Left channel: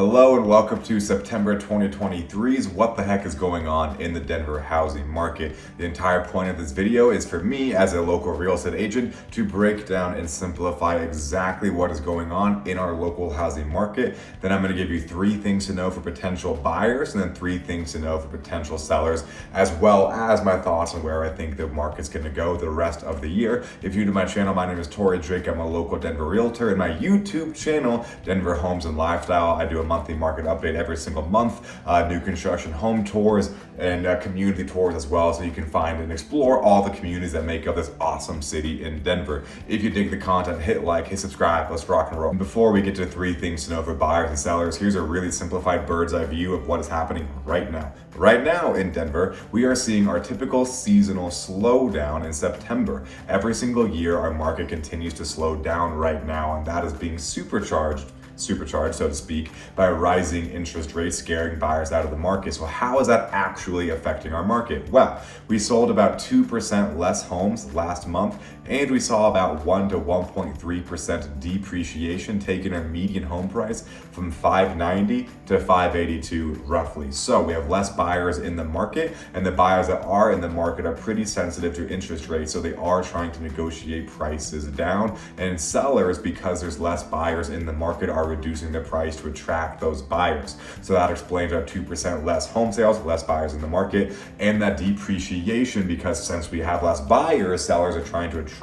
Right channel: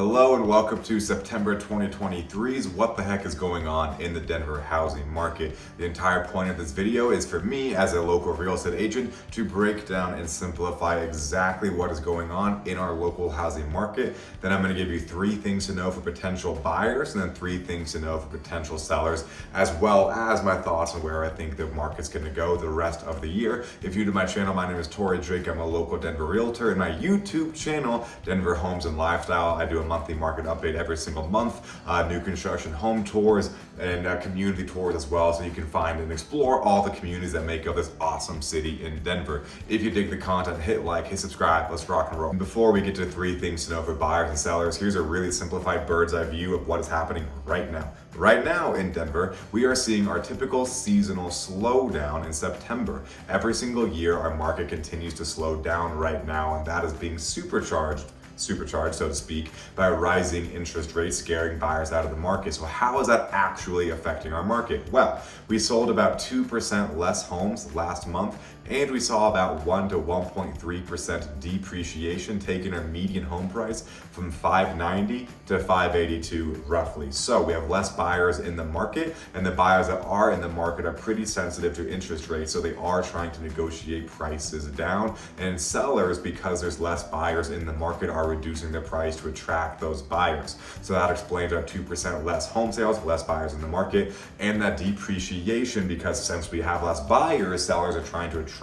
Hello and welcome to September 2023's What the Heck is Going On in the Denver Housing Market. The entire point of this video is for me as a local real estate agent to break down and simplify exactly what is going on in our local housing market. Then I'm going to give you 3 things to know for potential buyers and then 3 things to know for potential sellers, as well as my thoughts on where I think the market's going to go the rest of the year. If you're new to my channel, my name is Torrey Drake. I'm a local Denver realtor, and my YouTube channel, Denver Homes and Lifestyle, I do a monthly market update every single month, new construction home tours and community tours as well, so you can find and explore all the communities that make up this awesome city in Denver. If you dig the content, hit like, hit subscribe, let's rock and roll. And before we get to 3 things to know for buyers and sellers, here's a really simplified bird's eye view of what is happening right now. Right now in Denver, we are seeing our typical seasonal slowdown in September. Every single year, our market continues to slow down right now, and that is being supercharged, so to speak, by rising interest rates scaring buyers out of the market. So how is that actually affecting our market? Well, we sold about 2% less homes last month, and we saw about 1 to 1.3% depreciation, taking our median home price from $590 to $582 roughly. So we have less buyers in the market, and the buyers that are in the market are pretty sensitive to interest rates, so they are trying to negotiate prices down. And sellers, because there's less buyers in the market, are reducing the price to attract those buyers. So that explains our 2% less home sales, less buyers in the market, and that depreciation, because since we have less buyers, sellers are trying to attract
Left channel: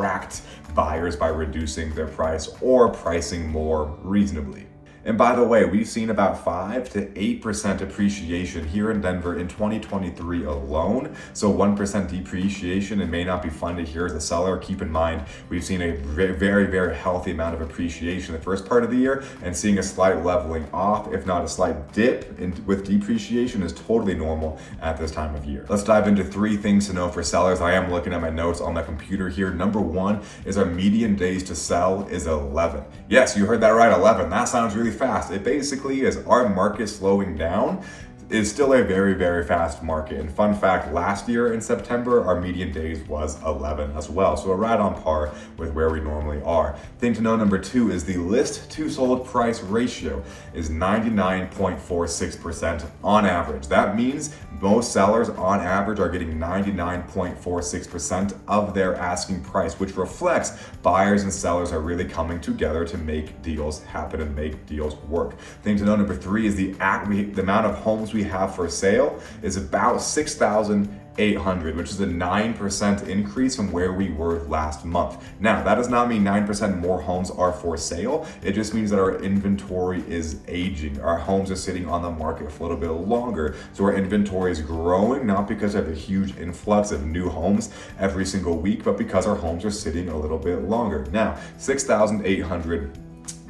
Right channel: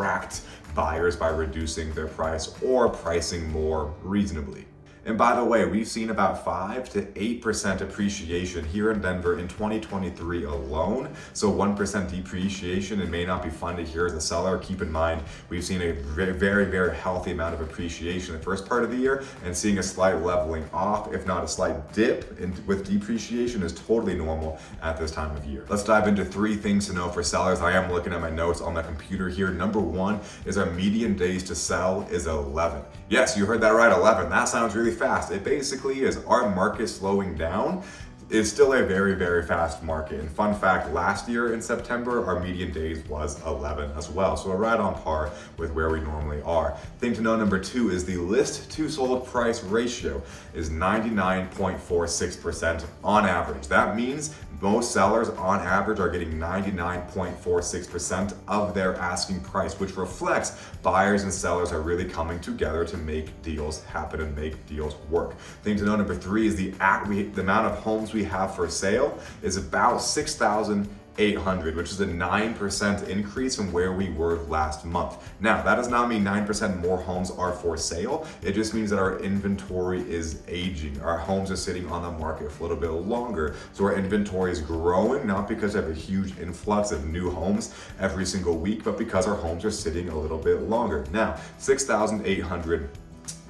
buyers by reducing their price or pricing more reasonably. And by the way, we've seen about 5 to 8% appreciation here in Denver in 2023 alone. So 1% depreciation, it may not be fun to hear as a seller. Keep in mind, we've seen a very healthy amount of appreciation the first part of the year, and seeing a slight leveling off, if not a slight dip with depreciation, is totally normal at this time of year. Let's dive into 3 things to know for sellers. I am looking at my notes on my computer here. Number 1 is our median days to sell is 11. Yes, you heard that right, 11. That sounds really fast. It basically is our market slowing down is still a very fast market. And fun fact, last year in September, our median days was 11 as well. So we're right on par with where we normally are. Thing to know number 2 is the list to sold price ratio is 99.46% on average. That means most sellers on average are getting 99.46% of their asking price, which reflects buyers and sellers are really coming together to make deals happen and make deals work. Thing to know number 3 is the amount of homes we have for sale is about 6,800, which is a 9% increase from where we were last month. Now, that does not mean 9% more homes are for sale. It just means that our inventory is aging. Our homes are sitting on the market for a little bit longer. So our inventory is growing, not because of a huge influx of new homes every single week, but because our homes are sitting a little bit longer. Now, 6,800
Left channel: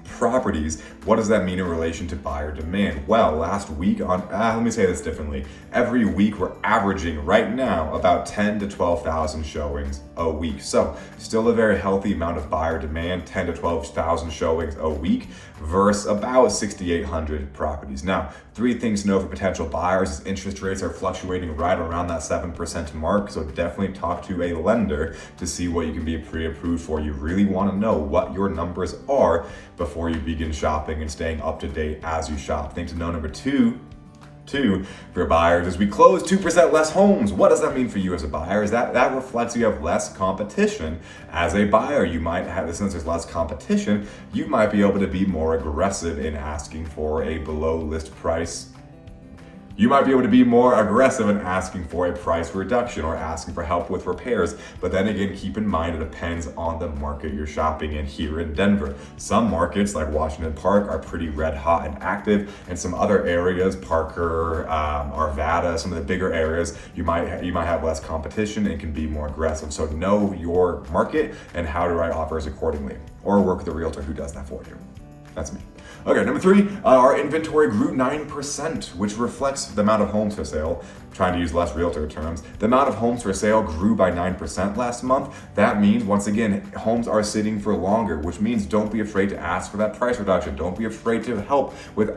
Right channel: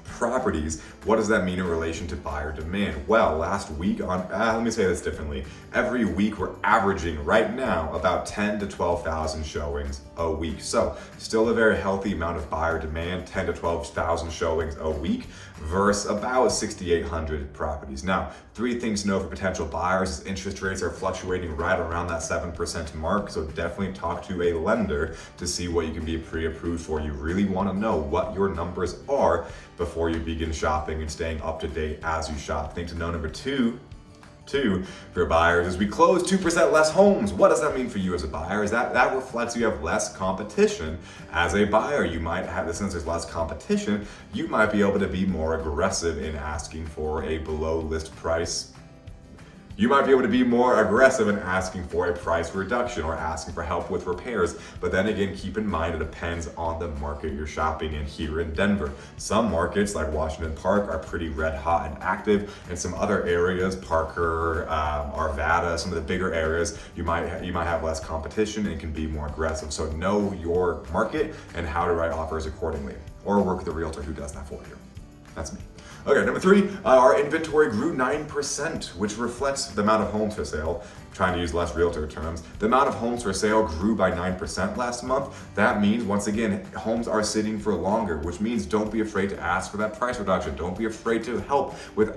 properties, what does that mean in relation to buyer demand? Well, last week let me say this differently. Every week we're averaging right now about 10 to 12,000 showings a week. So still a very healthy amount of buyer demand, 10 to 12,000 showings a week versus about 6,800 properties. Now, 3 things to know for potential buyers is interest rates are fluctuating right around that 7% mark. So definitely talk to a lender to see what you can be pre-approved for. You really want to know what your numbers are before you begin shopping and staying up to date as you shop. Thing to know number 2 for buyers is we close 2% less homes. What does that mean for you as a buyer? Is that reflects you have less competition as a buyer. You might have, since there's less competition, you might be able to be more aggressive in asking for a below list price. You might be able to be more aggressive in asking for a price reduction or asking for help with repairs. But then again, keep in mind, it depends on the market you're shopping in here in Denver. Some markets like Washington Park are pretty red hot and active, and some other areas, Parker, Arvada, some of the bigger areas, you might have less competition and can be more aggressive. So know your market and how to write offers accordingly, or work with a realtor who does that for you. That's me. Okay, number 3, our inventory grew 9%, which reflects the amount of homes for sale. Trying to use less realtor terms. The amount of homes for sale grew by 9% last month. That means, once again, homes are sitting for longer, which means don't be afraid to ask for that price reduction. Don't be afraid to help with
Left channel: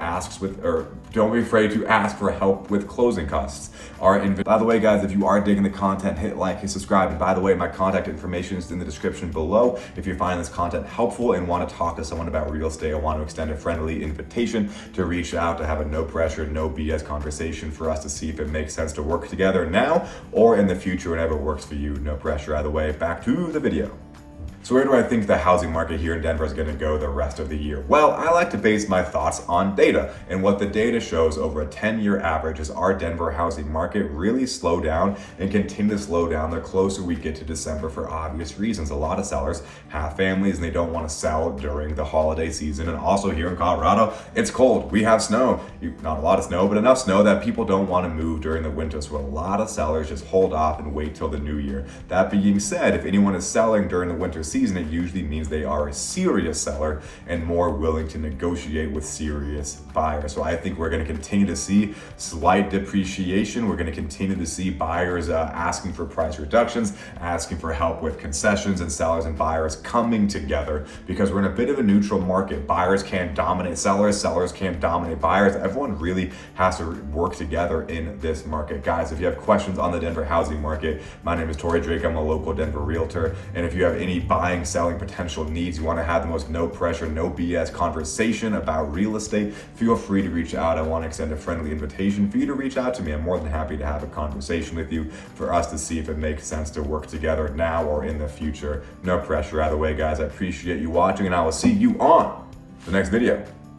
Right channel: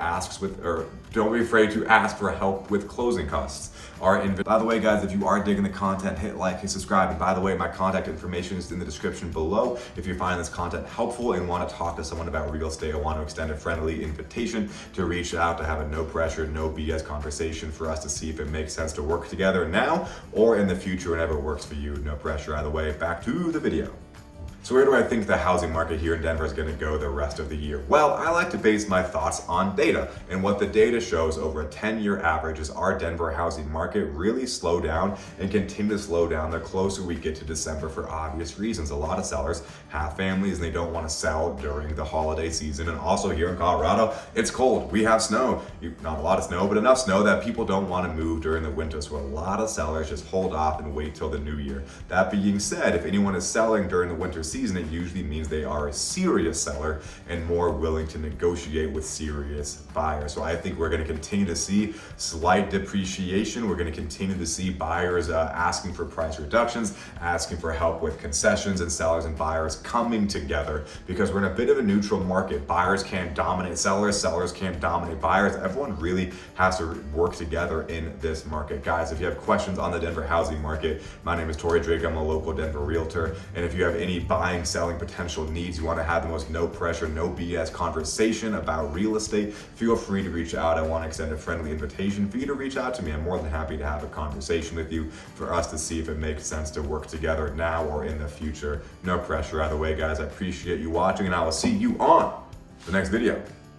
don't be afraid to ask for help with closing costs. By the way, guys, if you are digging the content, hit like, hit subscribe. And by the way, my contact information is in the description below. If you find this content helpful and want to talk to someone about real estate or want to extend a friendly friendly invitation to reach out, to have a no pressure, no BS conversation for us to see if it makes sense to work together now or in the future whenever it works for you. No pressure either way. Back to the video. So where do I think the housing market here in Denver is going to go the rest of the year? Well, I like to base my thoughts on data. And what the data shows over a 10-year average is our Denver housing market really slowed down and continue to slow down the closer we get to December for obvious reasons. A lot of sellers have families and they don't want to sell during the holiday season. And also here in Colorado, it's cold. We have snow. Not a lot of snow, but enough snow that people don't want to move during the winter. So a lot of sellers just hold off and wait till the new year. That being said, if anyone is selling during the winter season, it usually means they are a serious seller and more willing to negotiate with serious buyers. So I think we're going to continue to see slight depreciation. We're going to continue to see buyers asking for price reductions, asking for help with concessions, and sellers and buyers coming together because we're in a bit of a neutral market. Buyers can't dominate sellers, sellers can't dominate buyers. Everyone really has to work together in this market. Guys, if you have questions on the Denver housing market, my name is Torrey Drake. I'm a local Denver realtor. And if you have any buying, selling potential needs, you want to have the most no pressure, no BS conversation about real estate, feel free to reach out. I want to extend a friendly invitation for you to reach out to me. I'm more than happy to have a conversation with you for us to see if it makes sense to work together now or in the future. No pressure either way, guys. I appreciate you watching and I will see you on the next video.